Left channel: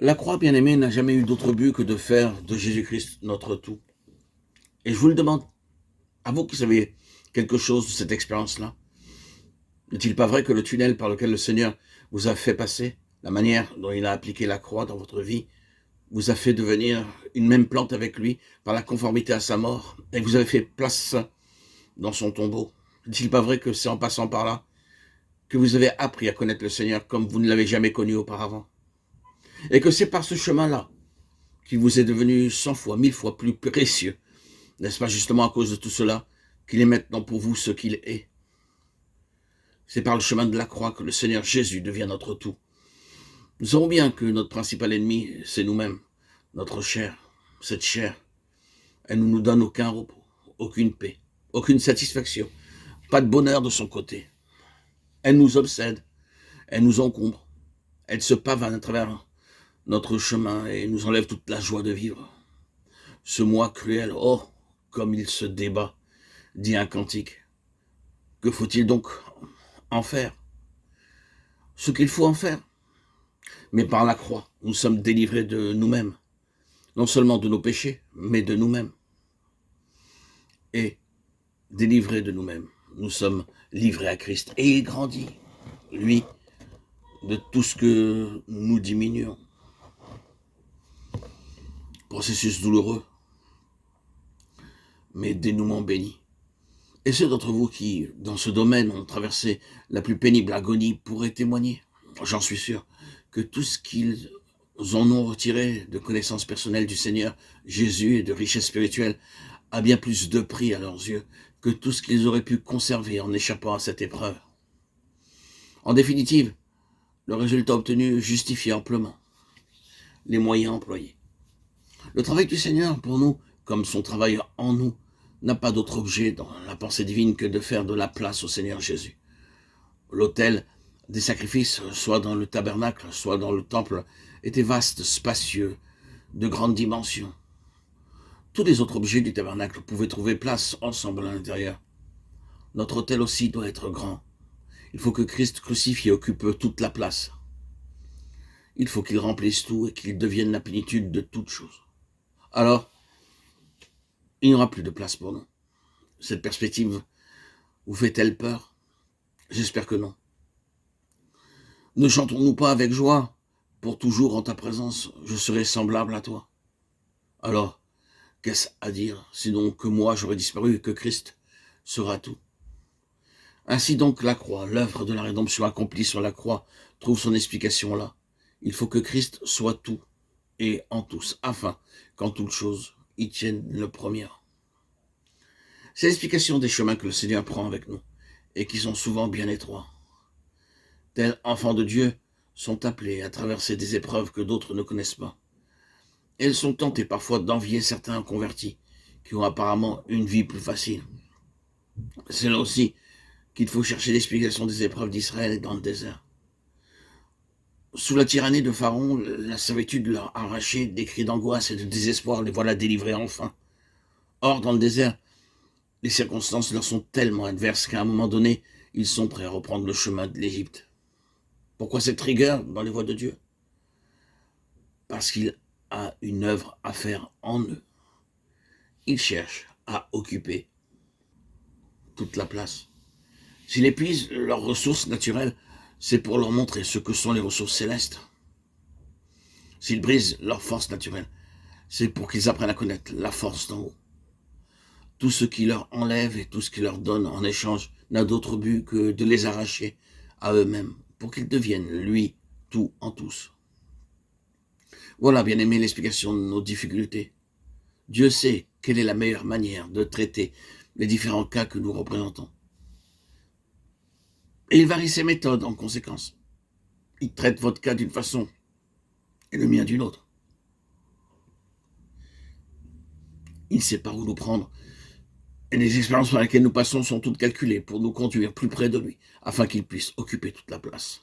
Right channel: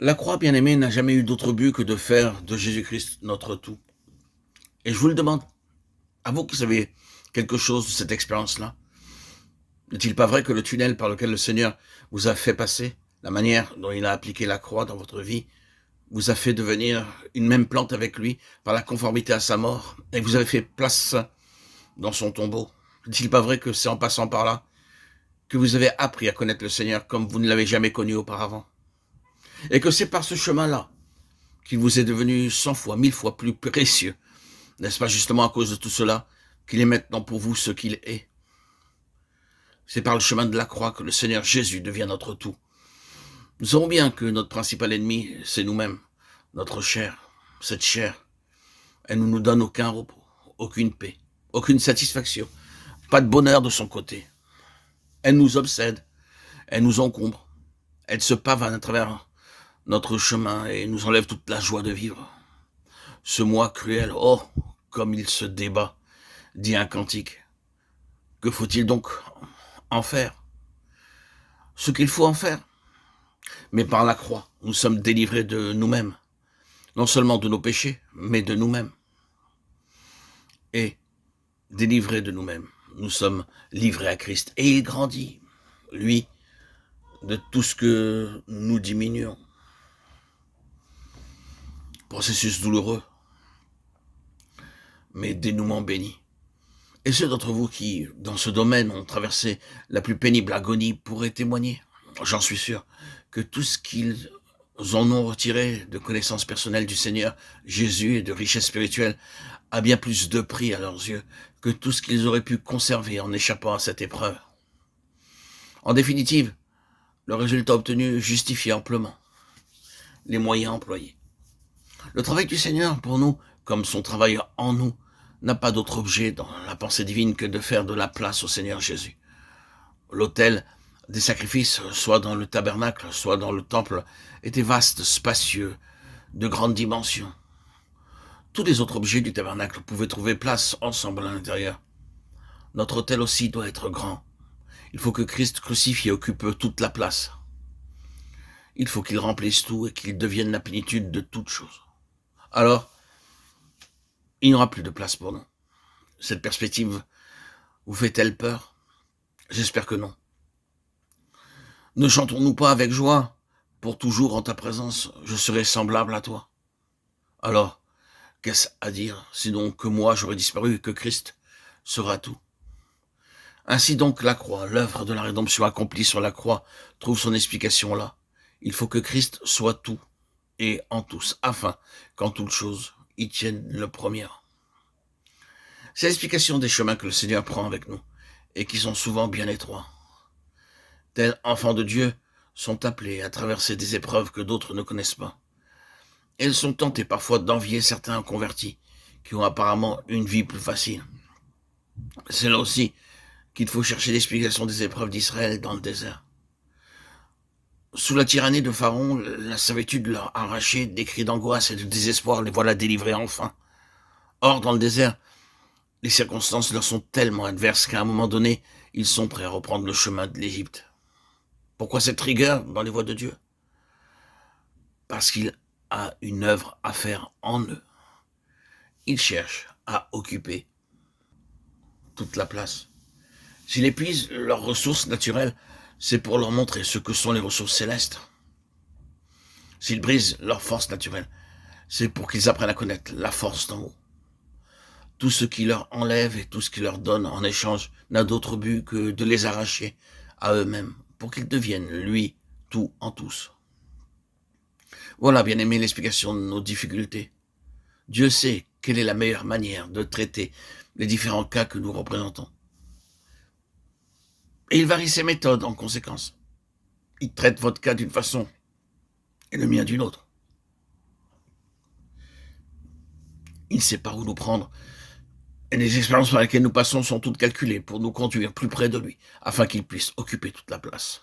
La croix, bien-aimée, n'a jamais eu d'autre but que de faire de Jésus-Christ notre tout. Et je vous le demande, à vous qui savez quelque chose de cette expérience-là, n'est-il pas vrai que le tunnel par lequel le Seigneur vous a fait passer, la manière dont il a appliqué la croix dans votre vie, vous a fait devenir une même plante avec lui par la conformité à sa mort, et vous avez fait place dans son tombeau? N'est-il pas vrai que c'est en passant par là que vous avez appris à connaître le Seigneur comme vous ne l'avez jamais connu auparavant? Et que c'est par ce chemin-là qu'il vous est devenu 100 fois, 1000 fois plus précieux. N'est-ce pas justement à cause de tout cela qu'il est maintenant pour vous ce qu'il est? C'est par le chemin de la croix que le Seigneur Jésus devient notre tout. Nous savons bien que notre principal ennemi, c'est nous-mêmes, notre chair. Cette chair, elle ne nous donne aucun repos, aucune paix, aucune satisfaction, pas de bonheur de son côté. Elle nous obsède, elle nous encombre, elle se pavane à travers notre chemin et nous enlève toute la joie de vivre. Ce moi cruel, oh, comme il se débat, dit un cantique. Que faut-il donc en faire? Ce qu'il faut en faire. Mais par la croix, nous sommes délivrés de nous-mêmes. Non seulement de nos péchés, mais de nous-mêmes. Et délivrés de nous-mêmes, nous sommes livrés à Christ. Et il grandit, lui, de tout ce que nous diminuons. Processus douloureux, mais dénouement béni. Et ceux d'entre vous qui, dans ce domaine, ont traversé la plus pénible agonie pourraient témoigner, j'en suis sûr, que tout ce qu'ils en ont retiré de connaissances personnelles du Seigneur Jésus et de richesse spirituelle a bien plus de prix à leurs yeux que tout ce qu'ils auraient pu conserver en échappant à cette épreuve. En définitive, le résultat obtenu justifie amplement les moyens employés. Le travail du Seigneur pour nous, comme son travail en nous, n'a pas d'autre objet dans la pensée divine que de faire de la place au Seigneur Jésus. L'autel des sacrifices, soit dans le tabernacle, soit dans le temple, était vaste, spacieux, de grande dimension. Tous les autres objets du tabernacle pouvaient trouver place ensemble à l'intérieur. Notre autel aussi doit être grand. Il faut que Christ crucifié occupe toute la place. Il faut qu'il remplisse tout et qu'il devienne la plénitude de toutes choses. Alors, il n'y aura plus de place pour nous. Cette perspective vous fait-elle peur? J'espère que non. Ne chantons-nous pas avec joie? Pour toujours en ta présence, je serai semblable à toi. Alors, qu'est-ce à dire, sinon que moi j'aurai disparu et que Christ sera tout? Ainsi donc la croix, l'œuvre de la rédemption accomplie sur la croix, trouve son explication là. Il faut que Christ soit tout et en tous, afin qu'en toutes choses, il tienne le premier. C'est l'explication des chemins que le Seigneur prend avec nous, et qui sont souvent bien étroits. Tels enfants de Dieu sont appelés à traverser des épreuves que d'autres ne connaissent pas. Elles sont tentées parfois d'envier certains convertis, qui ont apparemment une vie plus facile. C'est là aussi qu'il faut chercher l'explication des épreuves d'Israël dans le désert. Sous la tyrannie de Pharaon, la servitude leur arrachait des cris d'angoisse et de désespoir, les voilà délivrés enfin. Or, dans le désert, les circonstances leur sont tellement adverses qu'à un moment donné, ils sont prêts à reprendre le chemin de l'Égypte. Pourquoi cette rigueur dans les voies de Dieu? Parce qu'il a une œuvre à faire en eux. Il cherche à occuper toute la place. S'il épuise leurs ressources naturelles, c'est pour leur montrer ce que sont les ressources célestes. S'il brise leurs forces naturelles, c'est pour qu'ils apprennent à connaître la force d'en haut. Tout ce qui leur enlève et tout ce qui leur donne en échange n'a d'autre but que de les arracher à eux-mêmes, pour qu'ils deviennent, lui, tout en tous. Voilà, bien aimé, l'explication de nos difficultés. Dieu sait quelle est la meilleure manière de traiter les différents cas que nous représentons. Et il varie ses méthodes en conséquence. Il traite votre cas d'une façon et le mien d'une autre. Il sait par où nous prendre. Et les expériences par lesquelles nous passons sont toutes calculées pour nous conduire plus près de lui, afin qu'il puisse occuper toute la place.